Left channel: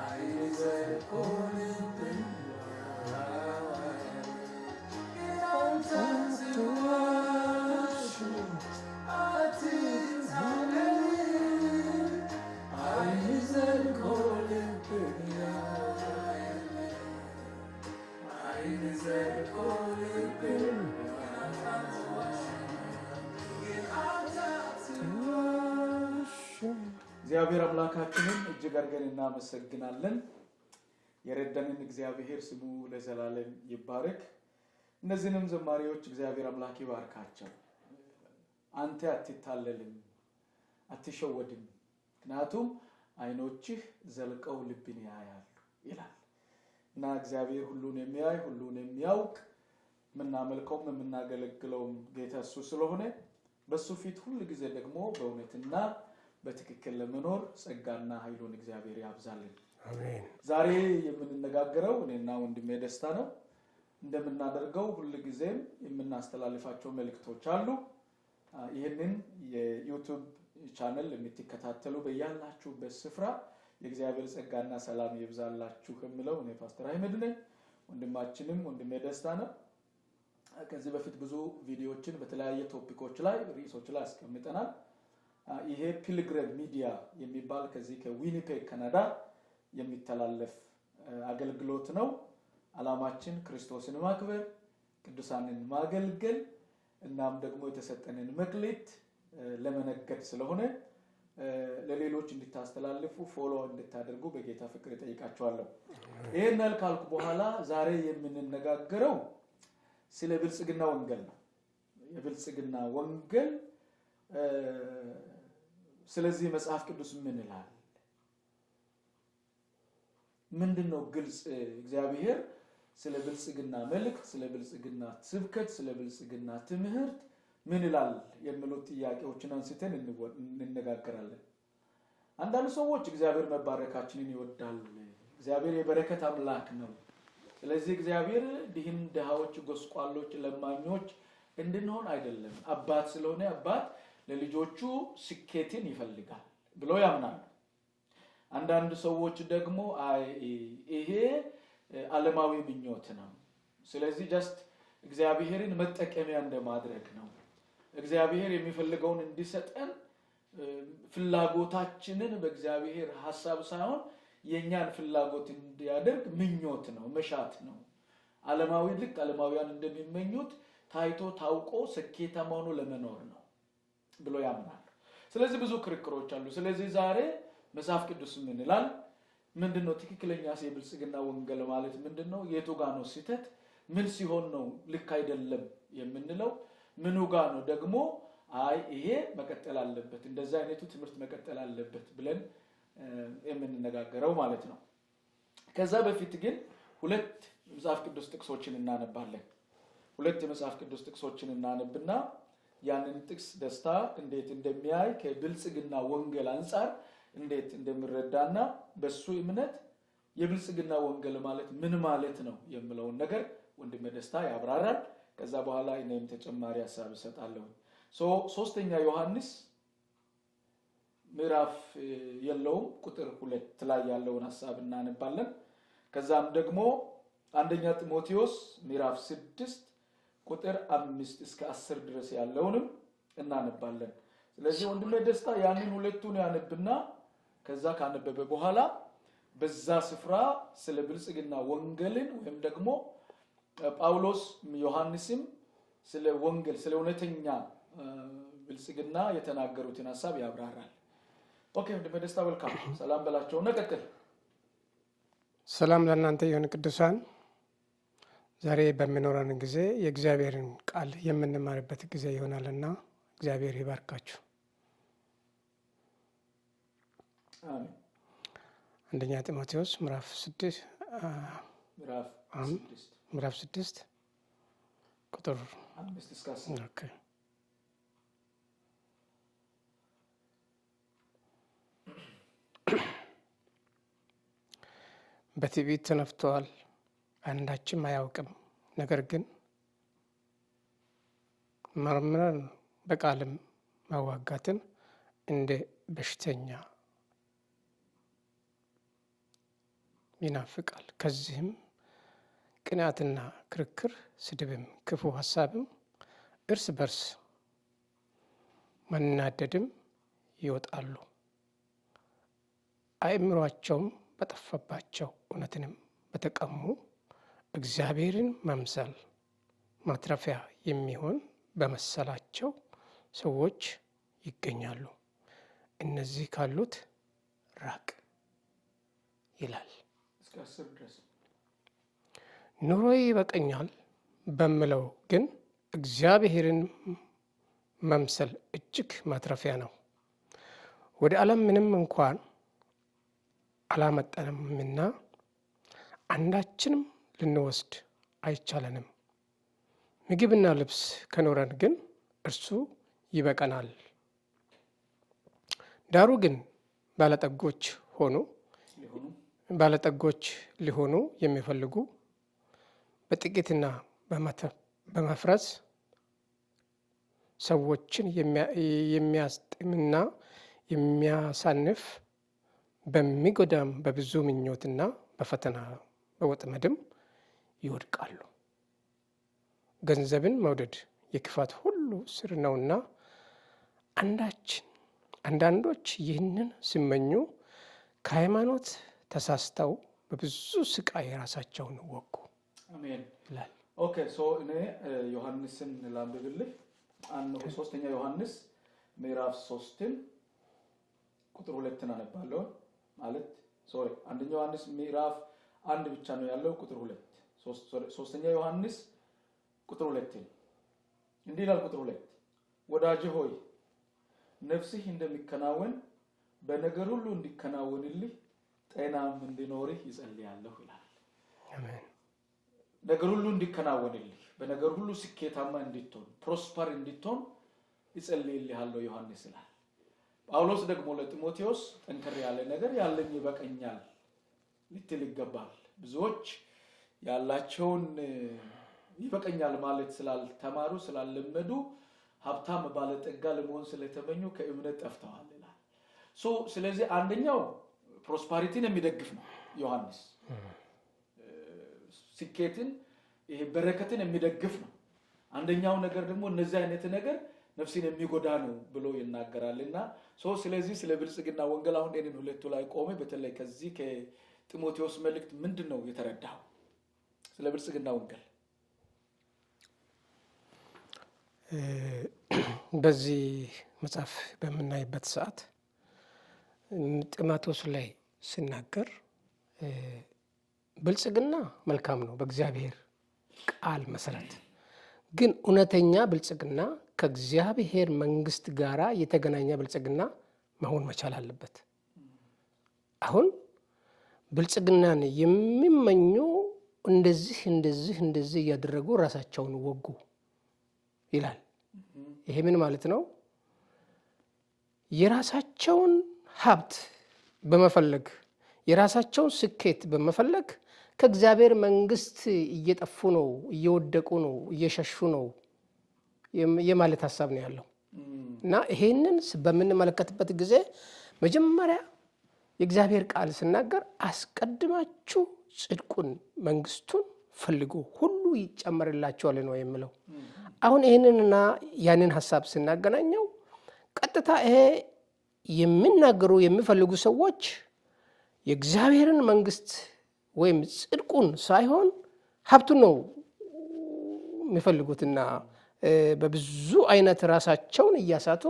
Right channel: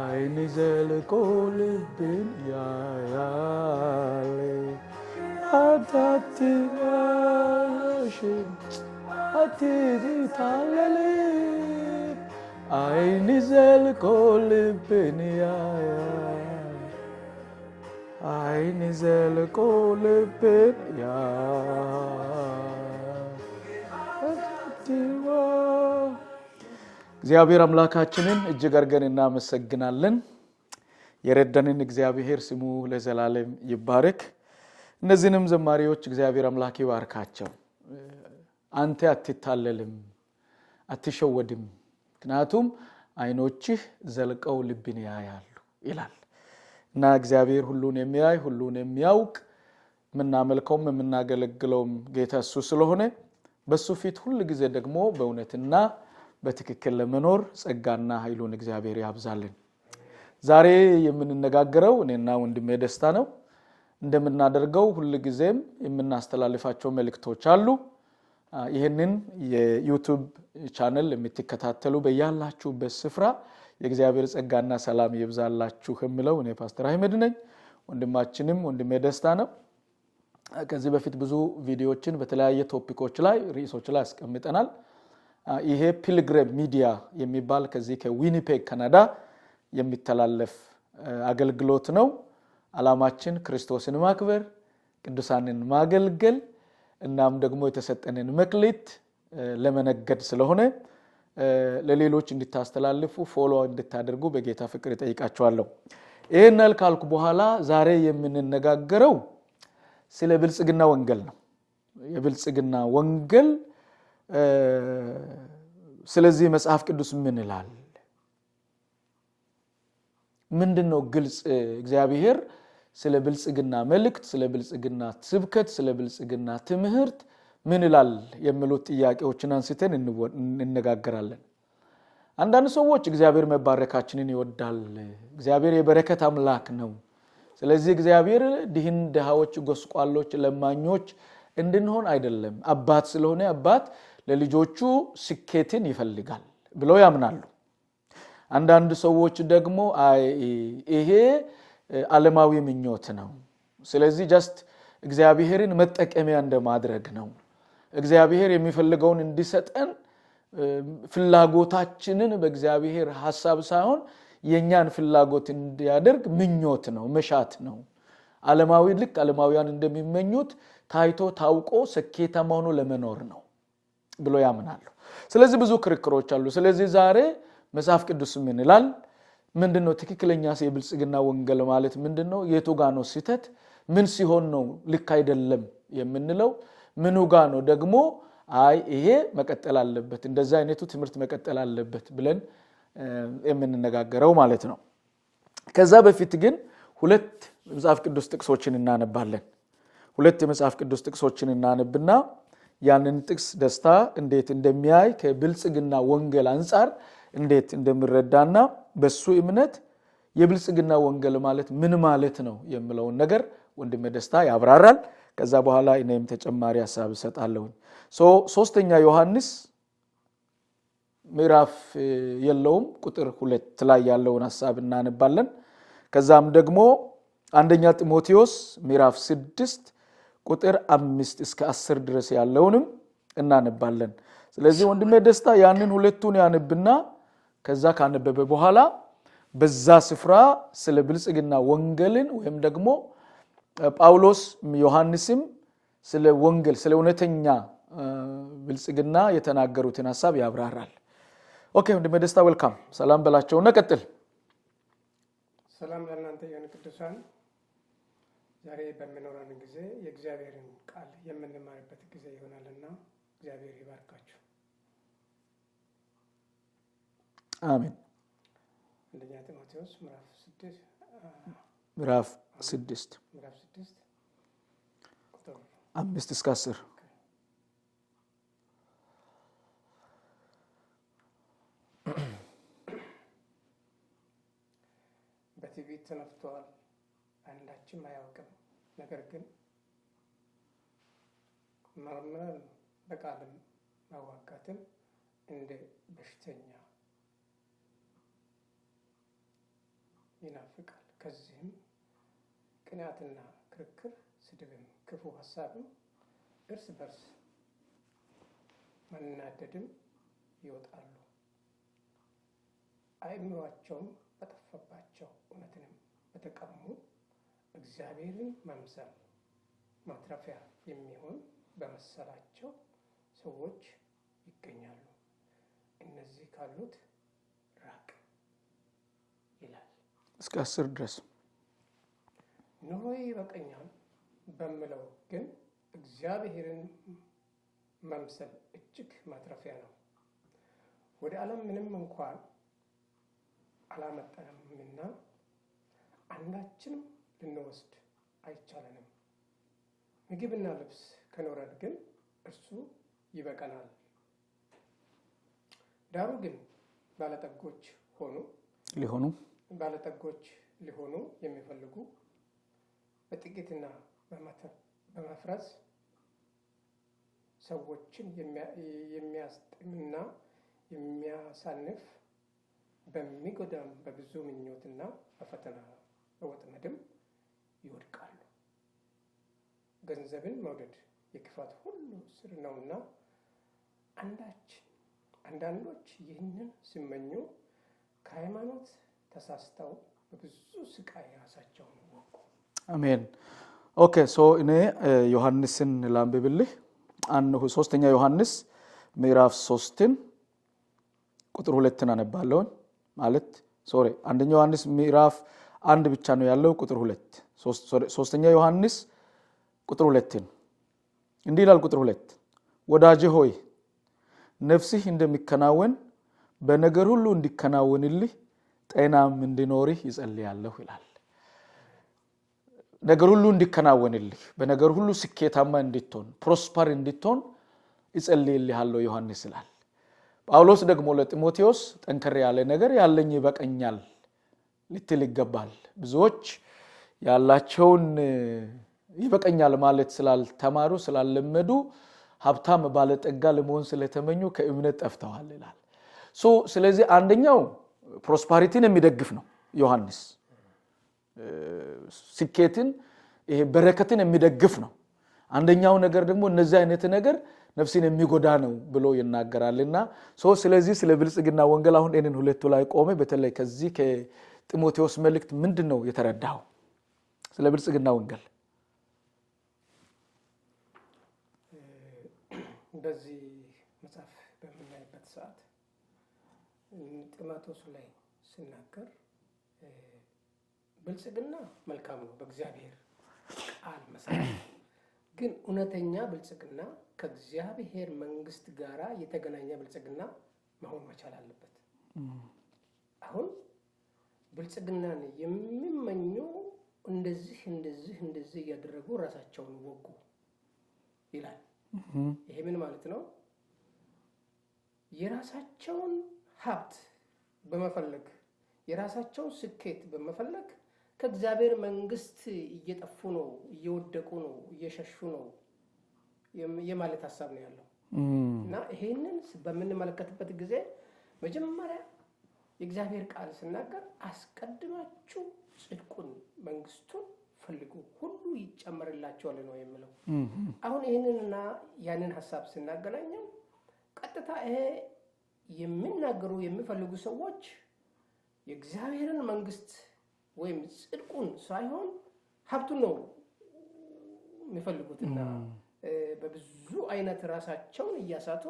አይን ዘልቆ ልብን ያያል አታትዋሽም አትታለል አይን ዘልቆ ልብን ያያል አይን ዘልቆ ልብን ያያል እግዚአብሔር አምላካችንን እጅግ አድርገን እናመሰግናለን። የረዳንን እግዚአብሔር ስሙ ለዘላለም ይባረክ። እነዚህንም ዘማሪዎች እግዚአብሔር አምላክ ይባርካቸው። አንተ አትታለልም አትሸወድም፣ ምክንያቱም አይኖችህ ዘልቀው ልብን ያያሉ ይላል እና እግዚአብሔር ሁሉን የሚያይ ሁሉን የሚያውቅ የምናመልከውም የምናገለግለውም ጌታ እሱ ስለሆነ በሱ ፊት ሁሉ ጊዜ ደግሞ በእውነትና በትክክል ለመኖር ጸጋና ኃይሉን እግዚአብሔር ያብዛልን። ዛሬ የምንነጋገረው እኔና ወንድሜ ደስታ ነው። እንደምናደርገው ሁሉ ጊዜም የምናስተላልፋቸው መልእክቶች አሉ። ይሄንን የዩቲዩብ ቻናል የምትከታተሉ በያላችሁበት ስፍራ የእግዚአብሔር ጸጋና ሰላም ይብዛላችሁ የምለው እኔ ፓስተር አህመድ ነኝ። ወንድማችንም ወንድሜ ደስታ ነው። ከዚህ በፊት ብዙ ቪዲዮዎችን በተለያየ ቶፒኮች ላይ ርዕሶች ላይ አስቀምጠናል። ይሄ ፒልግሪም ሚዲያ የሚባል ከዚህ ከዊኒፔግ ካናዳ የሚተላለፍ አገልግሎት ነው። ዓላማችን ክርስቶስን ማክበር፣ ቅዱሳንን ማገልገል እናም ደግሞ የተሰጠንን መክሊት ለመነገድ ስለሆነ ለሌሎች እንድታስተላልፉ ፎሎ እንድታደርጉ በጌታ ፍቅር እጠይቃችኋለሁ። ይሄን ካልኩ በኋላ ዛሬ የምንነጋገረው ስለ ብልጽግና ወንጌል ነው። የብልጽግና ወንጌል ስለዚህ መጽሐፍ ቅዱስ ምን ይላል? ምንድነው ግልጽ እግዚአብሔር ስለ ብልጽግና መልእክት፣ ስለ ብልጽግና ስብከት፣ ስለ ብልጽግና ትምህርት ምን ይላል የሚሉት ጥያቄዎችን አንስተን እንነጋገራለን። አንዳንድ ሰዎች እግዚአብሔር መባረካችንን ይወዳል፣ እግዚአብሔር የበረከት አምላክ ነው፣ ስለዚህ እግዚአብሔር ድሃዎች፣ ጎስቋሎች፣ ለማኞች እንድንሆን አይደለም፣ አባት ስለሆነ አባት ለልጆቹ ስኬትን ይፈልጋል ብለው ያምናሉ። አንዳንድ ሰዎች ደግሞ ይሄ ዓለማዊ ምኞት ነው፣ ስለዚህ ጀስት እግዚአብሔርን መጠቀሚያ እንደማድረግ ነው፣ እግዚአብሔር የሚፈልገውን እንዲሰጠን ፍላጎታችንን በእግዚአብሔር ሐሳብ ሳይሆን የኛን ፍላጎት እንዲያደርግ ምኞት ነው፣ መሻት ነው። ዓለማዊ ልክ ዓለማውያን እንደሚመኙት ታይቶ ታውቆ ስኬታማ ሆኖ ለመኖር ነው ብሎ ያምናሉ። ስለዚህ ብዙ ክርክሮች አሉ። ስለዚህ ዛሬ መጽሐፍ ቅዱስ ምን ይላል? ምንድነው ትክክለኛ የብልጽግና ወንጌል ማለት ምንድነው? የቱ ጋር ነው ስህተት? ምን ሲሆን ነው ልክ አይደለም የምንለው? ምኑ ጋር ነው ደግሞ ይሄ መቀጠል አለበት፣ እንደዛ አይነቱ ትምህርት መቀጠል አለበት ብለን የምንነጋገረው ማለት ነው። ከዛ በፊት ግን ሁለት መጽሐፍ ቅዱስ ጥቅሶችን እናነባለን። ሁለት የመጽሐፍ ቅዱስ ጥቅሶችን እናነብና ያንን ጥቅስ ደስታ እንዴት እንደሚያይ ከብልጽግና ወንጌል አንፃር እንዴት እንደሚረዳና በሱ እምነት የብልጽግና ወንጌል ማለት ምን ማለት ነው የሚለውን ነገር ወንድሜ ደስታ ያብራራል። ከዛ በኋላ እኔም ተጨማሪ ሐሳብ እሰጣለሁ። ሶስተኛ ዮሐንስ ምዕራፍ የለውም ቁጥር 2 ላይ ያለውን ሐሳብ እናነባለን። ከዛም ደግሞ አንደኛ ጢሞቴዎስ ምዕራፍ 6 ቁጥር 5 እስከ 10 ድረስ ያለውንም እናነባለን። ስለዚህ ወንድሜ ደስታ ያንን ሁለቱን ያነብና ከዛ ካነበበ በኋላ በዛ ስፍራ ስለ ብልጽግና ወንጌልን ወይም ደግሞ ጳውሎስ ዮሐንስም ስለ ወንጌል ስለ እውነተኛ ብልጽግና የተናገሩትን ሐሳብ ያብራራል። ኦኬ ወንድሜ ደስታ ዌልካም። ሰላም በላቸውና ቀጥል። ሰላም ለእናንተ ይሁን ቅዱሳን። ዛሬ በሚኖረን ጊዜ የእግዚአብሔርን ቃል የምንማርበት ጊዜ ይሆናልና እግዚአብሔር ይባርካችሁ። አሜን። አንደኛ ጢሞቴዎስ ምዕራፍ 6 ቁጥር 5 እስከ 10 በትዕቢት ተነፍተዋል፣ አንዳችም አያውቅም። ነገር ግን መርምረን በቃልም ማዋጋትን እንደ በሽተኛ ይናፍቃል። ከዚህም ቅንዓትና ክርክር፣ ስድብም፣ ክፉ ሐሳብም፣ እርስ በርስ መናደድም ይወጣሉ። አእምሯቸውም በጠፋባቸው እውነትንም በተቀሙ እግዚአብሔርን መምሰል ማትረፊያ የሚሆን በመሰላቸው ሰዎች ይገኛሉ። እነዚህ ካሉት ራቅ ይላል። እስከ 10 ድረስ ኑሮዬ ይበቃኛል በምለው ግን እግዚአብሔርን መምሰል እጅግ ማትረፊያ ነው። ወደ ዓለም ምንም እንኳን አላመጣንምና አንዳችንም ልንወስድ አይቻለንም። ምግብና ልብስ ከኖረን ግን እርሱ ይበቃናል። ዳሩ ግን ባለጠጎች ሊሆኑ የሚፈልጉ በጥቂትና በመፍረስ ሰዎችን የሚያስጥምና የሚያሳንፍ በሚጎዳም በብዙ ምኞትና በፈተና በወጥመድም ይወድቃሉ። ገንዘብን መውደድ የክፋት ሁሉ ስር ነውና አንዳንዶች ይህንን ሲመኙ ከሃይማኖት ተሳስተው በብዙ ስቃይ ራሳቸውን ወጉ። አሜን። ኦኬ ሶ እኔ ዮሐንስን ላንብብልህ። 3ኛ ዮሐንስ ምዕራፍ 3 ቁጥር 2 አነባለሁ። ማለት አንደኛ ዮሐንስ ምዕራፍ 1 ብቻ ነው ያለው ቁጥር 2። 3ኛ ዮሐንስ ቁጥር 2 እንዲህ ይላል። ቁጥር 2 ወዳጄ ሆይ ነፍስህ እንደሚከናወን በነገር ሁሉ እንዲከናወንልህ ጤናም እንዲኖርህ ይጸልያለሁ ይላል። ነገር ሁሉ እንዲከናወንልህ በነገር ሁሉ ስኬታማ እንድትሆን ፕሮስፐር እንድትሆን ይጸልይልሃለሁ ዮሐንስ ይላል። ጳውሎስ ደግሞ ለጢሞቴዎስ ጠንከር ያለ ነገር ያለኝ ይበቃኛል ልትል ይገባል። ብዙዎች ያላቸውን ይበቃኛል ማለት ስላልተማሩ ስላልለመዱ ሀብታም ባለጠጋ ለመሆን ስለተመኙ ከእምነት ጠፍተዋል ይላል። ስለዚህ አንደኛው ፕሮስፐሪቲን የሚደግፍ ነው ዮሐንስ። ስኬትን በረከትን የሚደግፍ ነው። አንደኛው ነገር ደግሞ እነዚህ አይነት ነገር ነፍስን የሚጎዳ ነው ብሎ ይናገራልና ስለዚህ ስለ ብልጽግና ወንጌል አሁን እነን ሁለቱ ላይ ቆመ። በተለይ ከዚህ ከጢሞቴዎስ መልእክት ምንድነው የተረዳው ስለ ብልጽግና ወንጌል? በዚህ መጽሐፍ በምናይበት ሰዓት ጢሞቴዎስ ላይ ሲናገር ብልጽግና መልካም ነው በእግዚአብሔር ቃል መሰረት፣ ግን እውነተኛ ብልጽግና ከእግዚአብሔር መንግስት ጋራ የተገናኘ ብልጽግና መሆን መቻል አለበት። አሁን ብልጽግናን የሚመኙ እንደዚህ እያደረጉ ራሳቸውን ወጉ ይላል። ይሄ ምን ማለት ነው? የራሳቸውን ሀብት በመፈለግ የራሳቸውን ስኬት በመፈለግ ከእግዚአብሔር መንግስት እየጠፉ ነው፣ እየወደቁ ነው፣ እየሸሹ ነው የማለት ሐሳብ ነው ያለው። እና ይሄንን በምንመለከትበት ጊዜ መጀመሪያ የእግዚአብሔር ቃል ሲናገር አስቀድማችሁ ጽድቁን መንግስቱን ፈልጉ ሁሉ ይጨመርላችኋል ነው የሚለው። አሁን ይሄንንና ያንን ሐሳብ ስናገናኘው ቀጥታ ይሄ የሚናገሩ የሚፈልጉ ሰዎች የእግዚአብሔርን መንግስት ወይም ጽድቁን ሳይሆን ሀብቱን ነው የሚፈልጉትና በብዙ አይነት ራሳቸውን እያሳቱ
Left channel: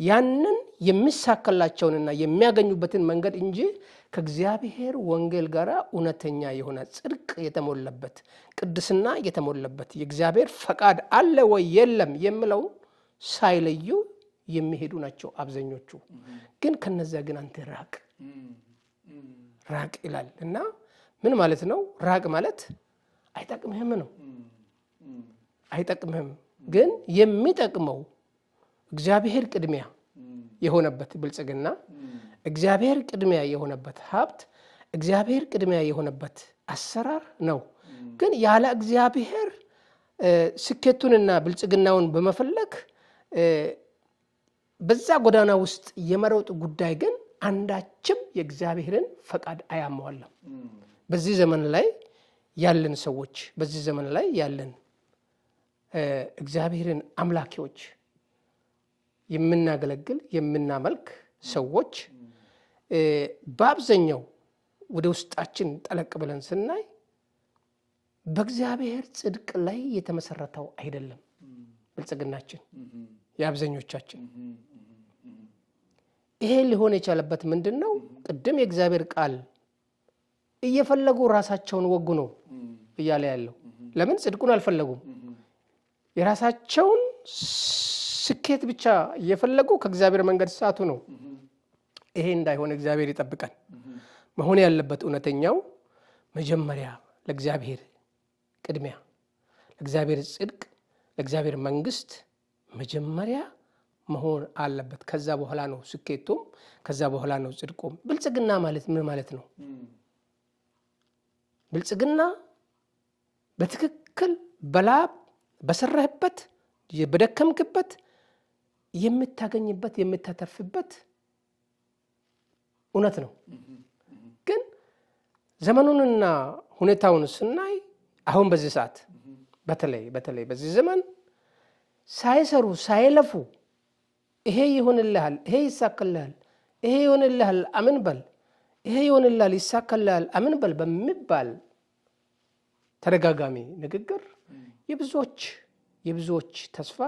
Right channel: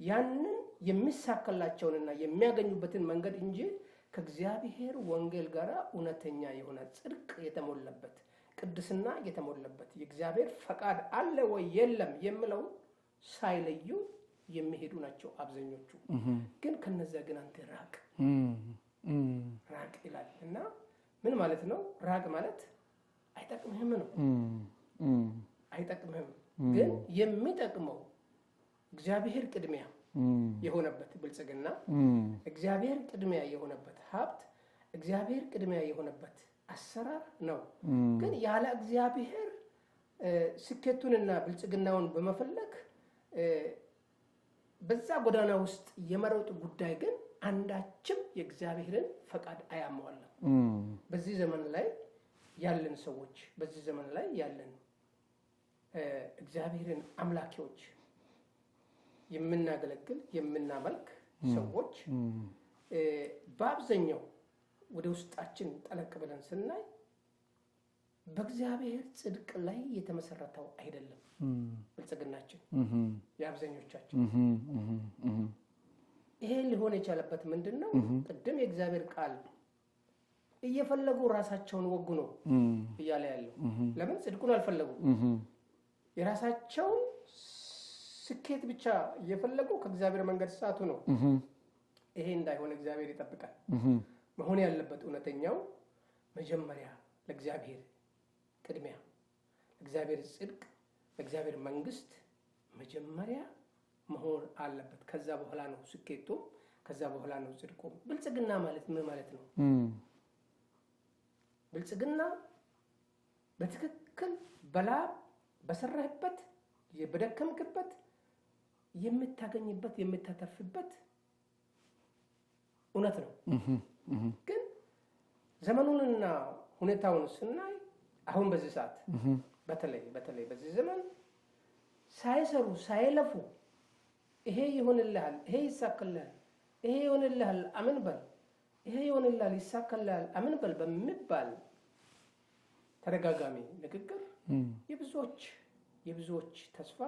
ያንን የሚሳካላቸውንና የሚያገኙበትን መንገድ እንጂ ከእግዚአብሔር ወንጌል ጋር እውነተኛ የሆነ ጽድቅ የተሞላበት ቅድስና የተሞላበት የእግዚአብሔር ፈቃድ አለ ወይ የለም የሚለው ሳይለዩ የሚሄዱ ናቸው አብዛኞቹ። ግን ከነዚያ ግን አንተ ራቅ ይላል። እና ምን ማለት ነው? ራቅ ማለት አይጠቅምህም ነው። አይጠቅምህም ግን የሚጠቅመው እግዚአብሔር ቅድሚያ የሆነበት ብልጽግና፣ እግዚአብሔር ቅድሚያ የሆነበት ሀብት፣ እግዚአብሔር ቅድሚያ የሆነበት አሰራር ነው። ግን ያለ እግዚአብሔር ስኬቱንና ብልጽግናውን በመፈለግ በዛ ጎዳና ውስጥ የመሮጥ ጉዳይ ግን አንዳችም የእግዚአብሔርን ፈቃድ አያሟላም። በዚህ ዘመን ላይ ያለን ሰዎች በዚህ ዘመን ላይ ያለን እግዚአብሔርን አምላኪዎች የምናገለግል የምናመልክ ሰዎች በአብዛኛው ወደ ውስጣችን ጠለቅ ብለን ስናይ በእግዚአብሔር ጽድቅ ላይ የተመሰረተው አይደለም ብልጽግናችን የአብዛኞቻችን። ይሄ ሊሆን የቻለበት ምንድነው? ቅድም የእግዚአብሔር ቃል እየፈለጉ ራሳቸውን ወጉ ነው እያለ ያለው። ለምን ጽድቁን አልፈለጉም? የራሳቸውን ስኬት ብቻ እየፈለጉ ከእግዚአብሔር መንገድ ሳቱ ነው። ይሄ እንዳይሆን እግዚአብሔር ይጠብቃል። መሆን ያለበት እውነተኛው መጀመሪያ ለእግዚአብሔር ቅድሚያ፣ ለእግዚአብሔር ጽድቅ፣ ለእግዚአብሔር መንግስት መጀመሪያ መሆን አለበት። ከዛ በኋላ ነው ስኬቱም፣ ከዛ በኋላ ነው ጽድቁም። ብልጽግና ማለት ምን ማለት ነው? ብልጽግና በትክክል በላብ በሰራህበት በደከምክበት የምታገኝበት የምታተርፍበት እውነት ነው። ግን ዘመኑንና ሁኔታውን ስናይ አሁን በዚህ ሰዓት በተለይ በዚህ ዘመን ሳይሰሩ ሳይለፉ ይሄ ይሆንልሃል፣ ይሄ ይሳካልሃል፣ ይሄ ይሆንልሃል አምን በል፣ ይሄ ይሆንልሃል ይሳካልሃል አምን በል በሚባል ተደጋጋሚ ንግግር የብዙዎች ተስፋ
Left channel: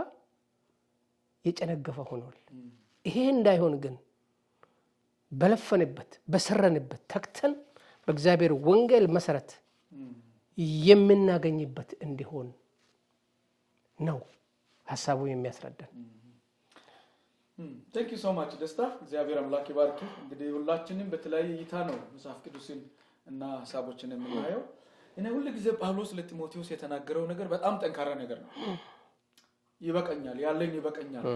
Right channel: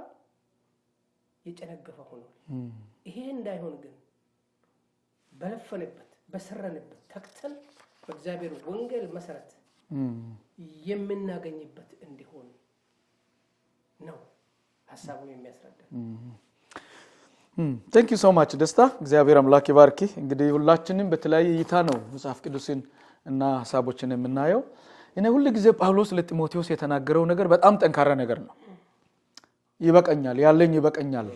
የጨነገፈ ሆኗል። ይሄ እንዳይሆን ግን በለፈንበት በሰረንበት ተክተን በእግዚአብሔር ወንጌል መሰረት የምናገኝበት እንዲሆን ነው ሐሳቡ የሚያስረዳን። Thank you so much ደስታ። እግዚአብሔር አምላክ ይባርክ። እንግዲህ ሁላችንም በተለያየ እይታ ነው መጽሐፍ ቅዱስን እና ሐሳቦችን የምናየው። እኔ ሁሉ ጊዜ ጳውሎስ ለጢሞቴዎስ የተናገረው ነገር በጣም ጠንካራ ነገር ነው። ይበቃኛል፣ ያለኝ ይበቃኛል።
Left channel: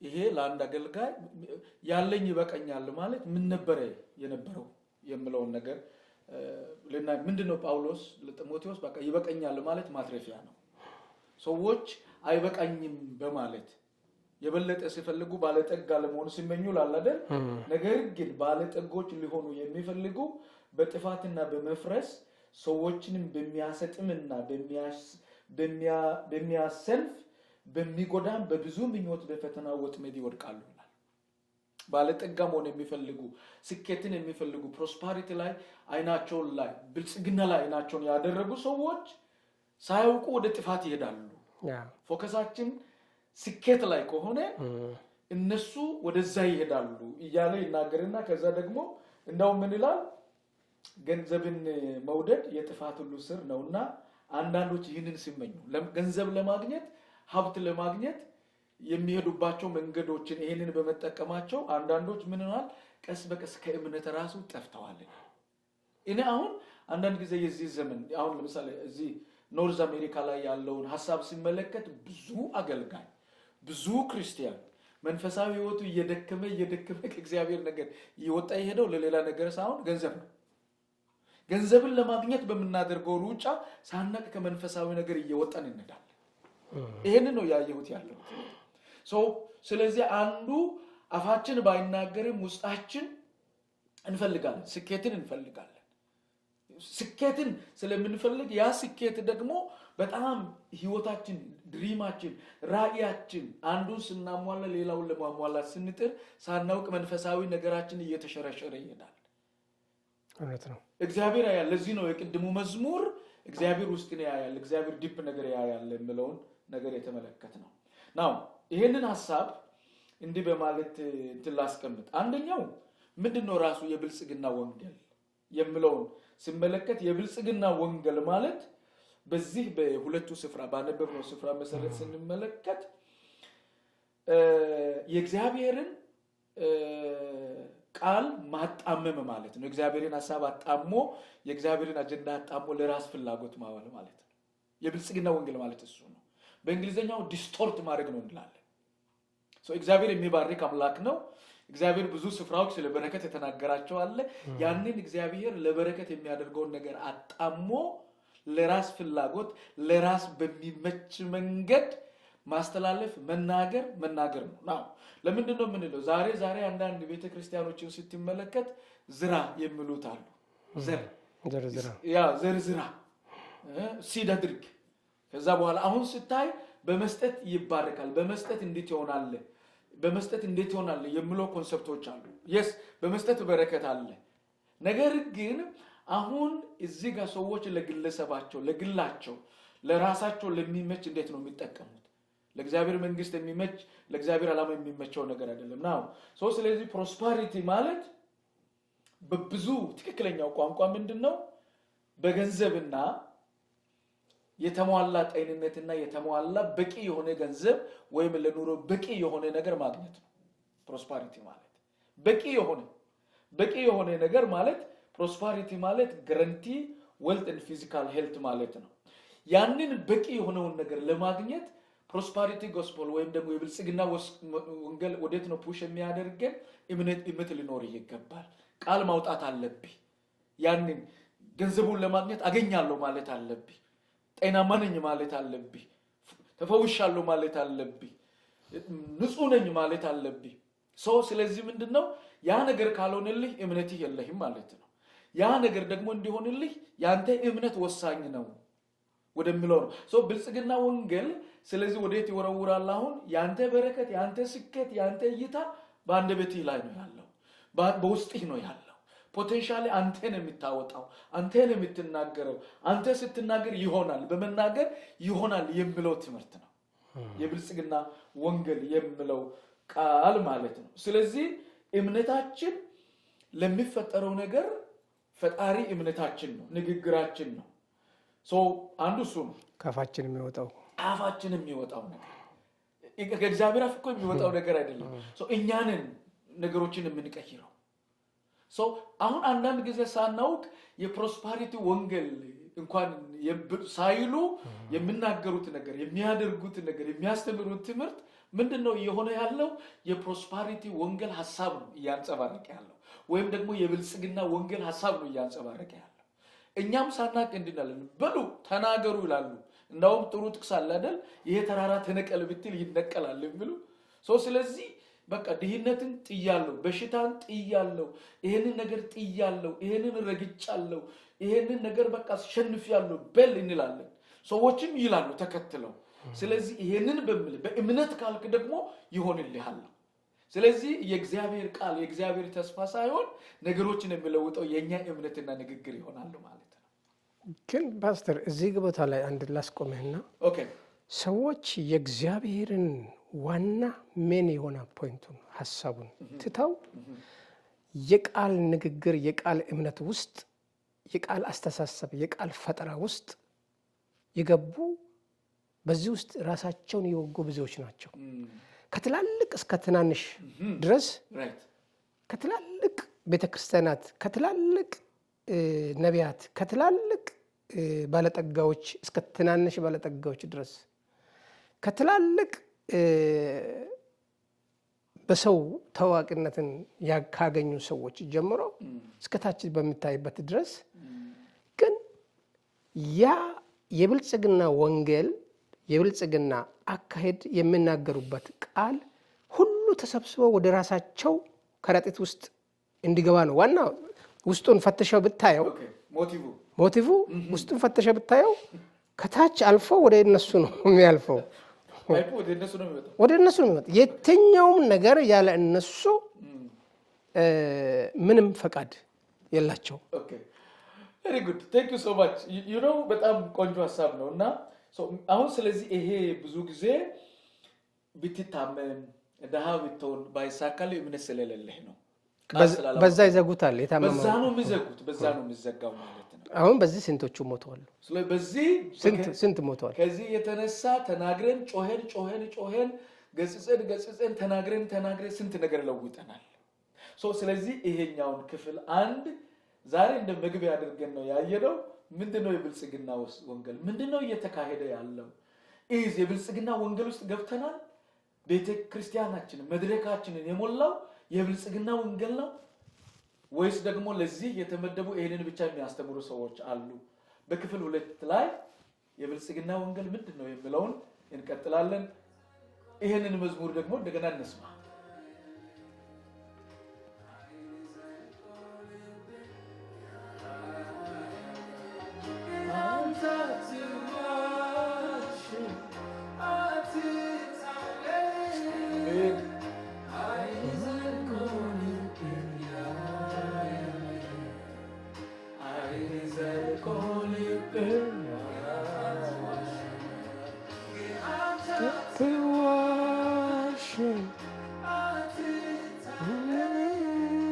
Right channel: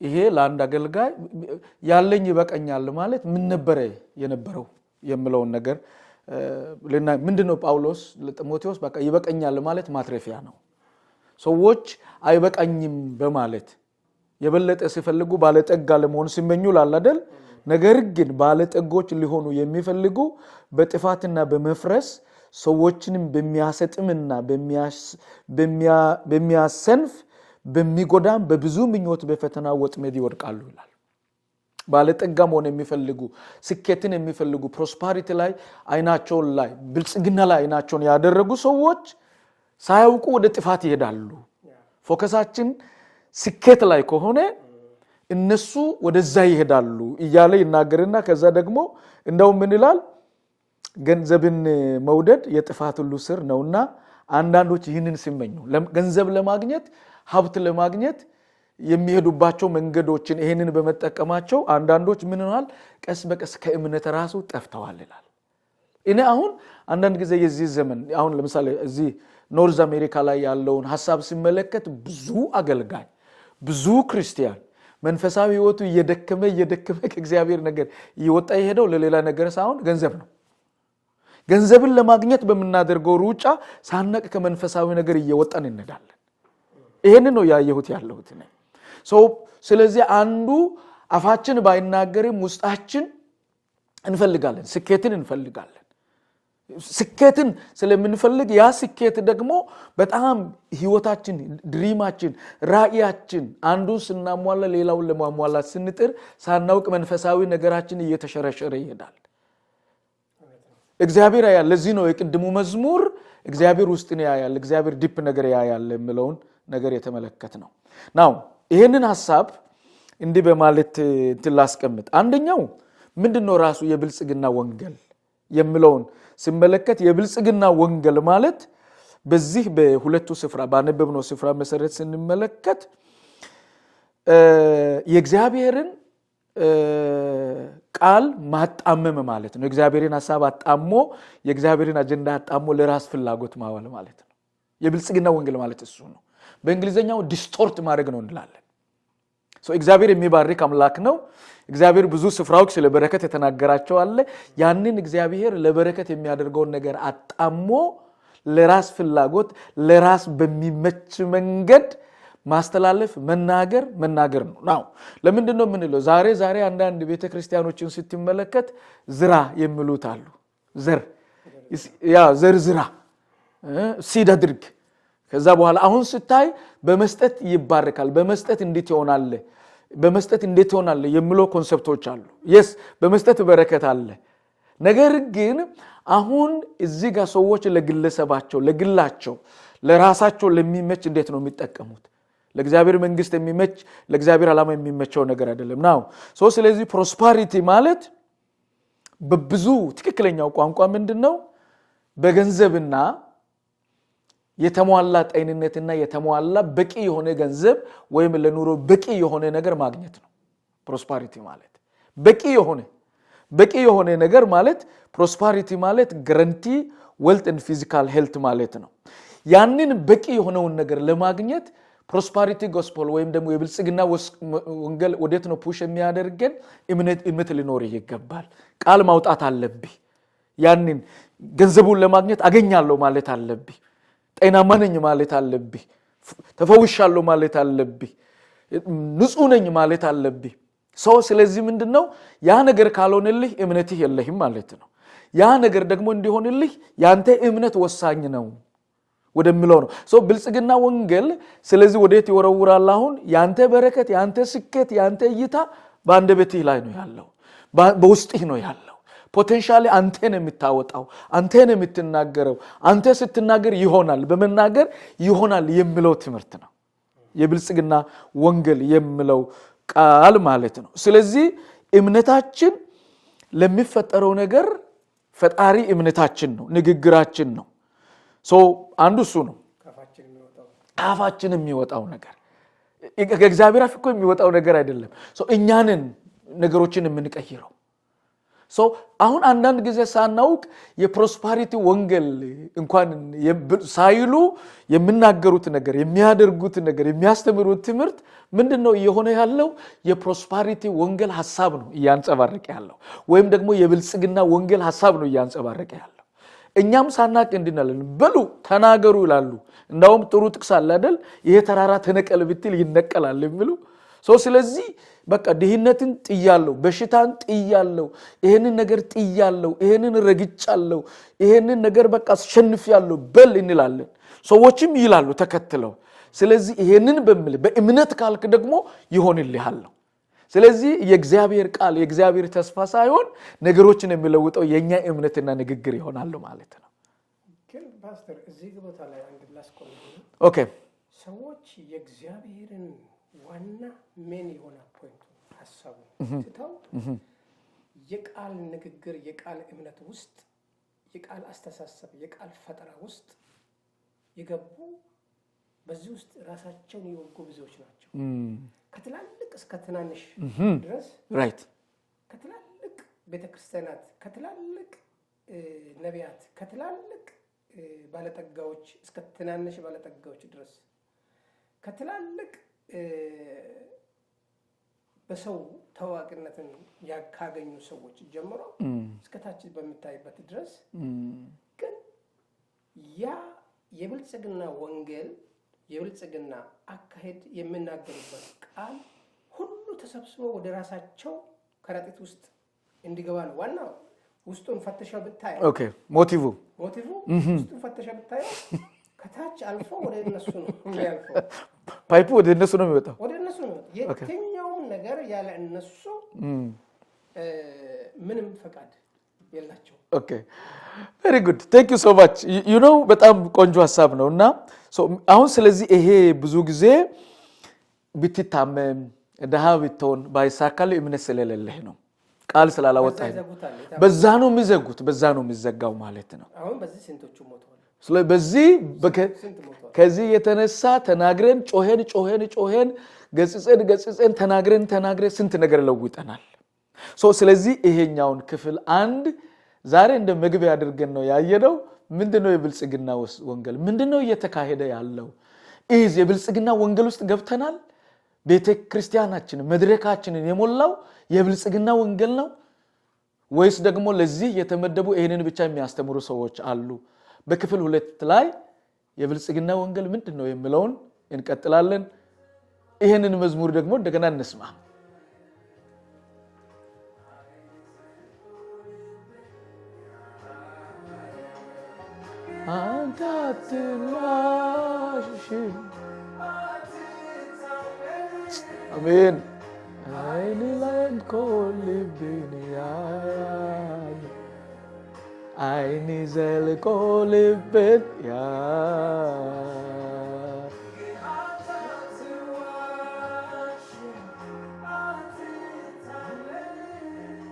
ይሄ ለአንድ አገልጋይ ያለኝ ይበቃኛል ማለት ምን ነበር የነበረው የሚለውን ነገር ምንድነው ጳውሎስ ለጢሞቴዎስ በቃ ይበቃኛል ማለት ማትረፊያ ነው። ሰዎች አይበቃኝም በማለት የበለጠ ሲፈልጉ ባለጠጋ ለመሆን ሲመኙ ላላደል፣ ነገር ግን ባለጠጎች ሊሆኑ የሚፈልጉ በጥፋትና በመፍረስ ሰዎችንም በሚያሰጥምና በሚያሰንፍ በሚጎዳም በብዙ ምኞት በፈተና ወጥመድ ይወድቃሉ ይላል። ባለጠጋ መሆን የሚፈልጉ ስኬትን የሚፈልጉ ፕሮስፐሪቲ ላይ አይናቸውን ላይ ብልጽግና ላይ አይናቸውን ያደረጉ ሰዎች ሳያውቁ ወደ ጥፋት ይሄዳሉ። ፎከሳችን ስኬት ላይ ከሆነ እነሱ ወደዛ ይሄዳሉ እያለ ይናገርና ከዛ ደግሞ እንደው ምን ይላል? ገንዘብን መውደድ የጥፋት ሁሉ ስር ነውና አንዳንዶች ይህንን ሲመኙ ገንዘብ ለማግኘት ሀብት ለማግኘት የሚሄዱባቸው መንገዶችን ይሄንን በመጠቀማቸው አንዳንዶች ምን ሆነዋል? ቀስ በቀስ ከእምነት ራሱ ጠፍተዋል ይላል። እኔ አሁን አንዳንድ ጊዜ የዚህ ዘመን አሁን ለምሳሌ እዚህ ኖርዝ አሜሪካ ላይ ያለውን ሐሳብ ሲመለከት ብዙ አገልጋይ ብዙ ክርስቲያን መንፈሳዊ ህይወቱ እየደከመ ከእግዚአብሔር ነገር ይወጣ ይሄደው ለሌላ ነገር ሳይሆን ገንዘብ ነው። ገንዘብን ለማግኘት በመናደርገው ሩጫ ሳናቅ ከመንፈሳዊ ነገር እየወጣን እንሄዳለን። ይሄንን ነው ያየሁት ያለሁት። ስለዚህ አንዱ አፋችን ባይናገርም ውስጣችን እንፈልጋለን፣ ስኬትን እንፈልጋለን። ስኬትን ስለምንፈልግ ያ ስኬት ደግሞ በጣም ህይወታችን ድሪማችን ራእያችን አንዱን ስናሟላ ሌላውን ለማሟላት ስንጥር ሳናውቅ መንፈሳዊ ነገራችን እየተሸረሸረ ይሄዳል። እግዚአብሔር ያያል። ለዚህ ነው የቅድሙ መዝሙር እግዚአብሔር ውስጥን ያያል፣ እግዚአብሔር ዲፕ ነገር ያያል የሚለውን ነገር የተመለከተ ነው። ናው ይሄንን ሐሳብ እንዲህ በማለት ትላስቀምጥ። አንደኛው ምንድነው ራሱ የብልጽግና ወንጌል የሚለውን ሲመለከት የብልጽግና ወንጌል ማለት በዚህ በሁለቱ ስፍራ ባነበብነው ስፍራ መሰረት ስንመለከት የእግዚአብሔርን ቃል ማጣመም ማለት ነው። የእግዚአብሔርን ሐሳብ አጣሞ የእግዚአብሔርን አጀንዳ አጣሞ ለራስ ፍላጎት ማዋል ማለት ነው። የብልጽግና ወንጌል ማለት እሱ ነው። በእንግሊዘኛው ዲስቶርት ማድረግ ነው እንላለን። እግዚአብሔር የሚባርክ አምላክ ነው። እግዚአብሔር ብዙ ስፍራዎች ስለ በረከት የተናገራቸው አለ። ያንን እግዚአብሔር ለበረከት የሚያደርገውን ነገር አጣሞ ለራስ ፍላጎት ለራስ በሚመች መንገድ ማስተላለፍ መናገር ነው። ለምንድን ነው የምንለው? ዛሬ አንዳንድ ቤተክርስቲያኖችን ስትመለከት ዝራ የሚሉት አሉ። ዘር ዝራ ሲድ አድርግ። ከዛ በኋላ አሁን ስታይ በመስጠት ይባረካል፣ በመስጠት እንዴት ይሆናል የሚለው ኮንሰፕቶች አሉ። የስ በመስጠት በረከት አለ። ነገር ግን አሁን እዚህ ጋር ሰዎች ለግለሰባቸው ለግላቸው ለራሳቸው ለሚመች እንዴት ነው የሚጠቀሙት? ለእግዚአብሔር መንግስት የሚመች ለእግዚአብሔር ዓላማ የሚመቸው ነገር አይደለም ነው። ስለዚህ ፕሮስፐሪቲ ማለት በብዙ ትክክለኛው ቋንቋ ምንድነው? በገንዘብና የተሟላ ጤንነትና የተሟላ በቂ የሆነ ገንዘብ ወይም ለኑሮ በቂ የሆነ ነገር ማግኘት ነው ፕሮስፐሪቲ ማለት። በቂ የሆነ ነገር ማለት ፕሮስፐሪቲ ማለት ጋራንቲ ዌልት ኤንድ ፊዚካል ሄልት ማለት ነው። ያንን በቂ የሆነውን ነገር ለማግኘት ፕሮስፐሪቲ ጎስፔል ወይም ደግሞ የብልጽግና ወንጌል ወዴት ነው ፑሽ የሚያደርገን? እምነት ሊኖር ይገባል። ቃል ማውጣት አለብህ። ያንን ገንዘቡን ለማግኘት አገኛለሁ ማለት አለብህ። ጤናማ ነኝ ማለት አለብህ። ተፈውሻለሁ ማለት አለብህ። ንጹህ ነኝ ማለት አለብህ። ስለዚህ ምንድነው ያ ነገር ካልሆነልህ እምነትህ የለህም ማለት ነው። ያ ነገር ደግሞ እንዲሆንልህ ያንተ እምነት ወሳኝ ነው ወደሚለው ነው። ብልጽግና ወንጌል ስለዚህ ወዴት ይወረውራል? አሁን ያንተ በረከት፣ ያንተ ስኬት፣ ያንተ እይታ በአንደበትህ ላይ ነው ያለው፣ በውስጥህ ነው ያለው። ፖቴንሻሊ አንተን የምታወጣው፣ አንተን የምትናገረው፣ አንተ ስትናገር ይሆናል፣ በመናገር ይሆናል የሚለው ትምህርት ነው የብልጽግና ወንጌል የሚለው ቃል ማለት ነው። ስለዚህ እምነታችን ለሚፈጠረው ነገር ፈጣሪ እምነታችን ነው፣ ንግግራችን ነው። አንዱ እሱ ነው። ካፋችን የሚወጣው ነገር ከእግዚአብሔር አፍ እኮ የሚወጣው ነገር አይደለም። እኛንን ነገሮችን የምንቀይረው። አሁን አንዳንድ ጊዜ ሳናውቅ የፕሮስፐሪቲ ወንጌል እንኳን ሳይሉ የሚናገሩት ነገር፣ የሚያደርጉት ነገር፣ የሚያስተምሩት ትምህርት ምንድነው እየሆነ ያለው? የፕሮስፐሪቲ ወንጌል ሐሳብ ነው እያንጸባረቀ ያለው፣ ወይም ደግሞ የብልጽግና ወንጌል ሐሳብ ነው እያንጸባረቀ ያለው። እኛም ሳናቅ እንድናለን በሉ ተናገሩ ይላሉ። እንዳውም ጥሩ ጥቅስ አለ አይደል? ይሄ ተራራ ተነቀል ብትል ይነቀላል የሚሉ። ስለዚህ በቃ ድህነትን ጥያለሁ፣ በሽታን ጥያለሁ፣ ይሄንን ነገር ጥያለሁ፣ ይሄንን ረግጫለሁ፣ ይሄንን ነገር በቃ አሸንፊያለሁ በል እንላለን። ሰዎችም ይላሉ ተከትለው። ስለዚህ ይሄንን በእምነት ካልክ ደግሞ ይሆንልሃል። ስለዚህ የእግዚአብሔር ቃል የእግዚአብሔር ተስፋ ሳይሆን ነገሮችን የሚለውጠው የኛ እምነትና ንግግር ይሆናል ማለት ነው። ግን ፓስተር እዚህ ቦታ ላይ አንድ ላስቆመህና ሰዎች የእግዚአብሔርን ዋና ምን የሆነ ፖይንቱን ሐሳቡን ትተው የቃል ንግግር የቃል እምነት ውስጥ የቃል አስተሳሰብ የቃል ፈጠራ ውስጥ የገቡ በዚህ ውስጥ ራሳቸውን የወጉ ብዙዎች ናቸው። ከትላልቅ እስከ ትናንሽ ድረስ ከትላልቅ ቤተክርስቲያናት፣ ከትላልቅ ነቢያት፣ ከትላልቅ ባለጠጋዎች እስከ ትናንሽ ባለጠጋዎች ድረስ ከትላልቅ በሰው ታዋቂነትን ያካገኙ ሰዎች ጀምሮ እስከ ታች በሚታይበት ድረስ ግን ያ የብልጽግና ወንጌል የብልጽግና አካሄድ የሚናገሩበት ቃል ሁሉ ተሰብስበው ወደ ራሳቸው ከረጢት ውስጥ እንዲገባ ነው። ዋና ውስጡን ፈተሸው ብታየው ሞቲቭ ውስጡን ፈተሸው ብታየው ከታች አልፎ ወደ እነሱ ነው የሚያልፈው። ፓይፑ ወደ እነሱ ነው የሚወጣው። የትኛውም ነገር ያለ እነሱ ምንም ፈቃድ የላቸው። very good, thank you so much. you know በጣም ቆንጆ ሐሳብ ነውና አሁን ስለዚህ ይሄ ብዙ ጊዜ ብትታመም ደሃ ብትሆን ባይሳካል እምነት ስለሌለህ ነው። ቃል ስላላወጣ በዛ ይዘጉታል። በዛ ነው የሚዘጉት፣ በዛ ነው የሚዘጋው ማለት ነው። አሁን በዚህ ስንቶቹ ሞተዋል። ስለዚህ በዚህ ስንት ሞተዋል። ከዚህ የተነሳ ተናግረን ጮሄን ገጽጸን ተናግረን ስንት ነገር ለውጠናል። ስለዚህ ይሄኛውን ክፍል አንድ ዛሬ እንደ መግቢያ አድርገን ነው ያየነው። ምንድነው የብልጽግና ወንጌል? ምንድነው እየተካሄደ ያለው? የብልጽግና ወንጌል ውስጥ ገብተናል። ቤተክርስቲያናችን መድረካችንን የሞላው የብልጽግና ወንጌል ነው ወይስ ደግሞ ለዚህ የተመደቡ ይሄንን ብቻ የሚያስተምሩ ሰዎች አሉ? በክፍል 2 ላይ የብልጽግና ወንጌል ምንድነው የሚለውን እንቀጥላለን። ይሄንን መዝሙር ደግሞ እንደገና እንስማ። አሜን። አይኔ ዘልቆ ልቤን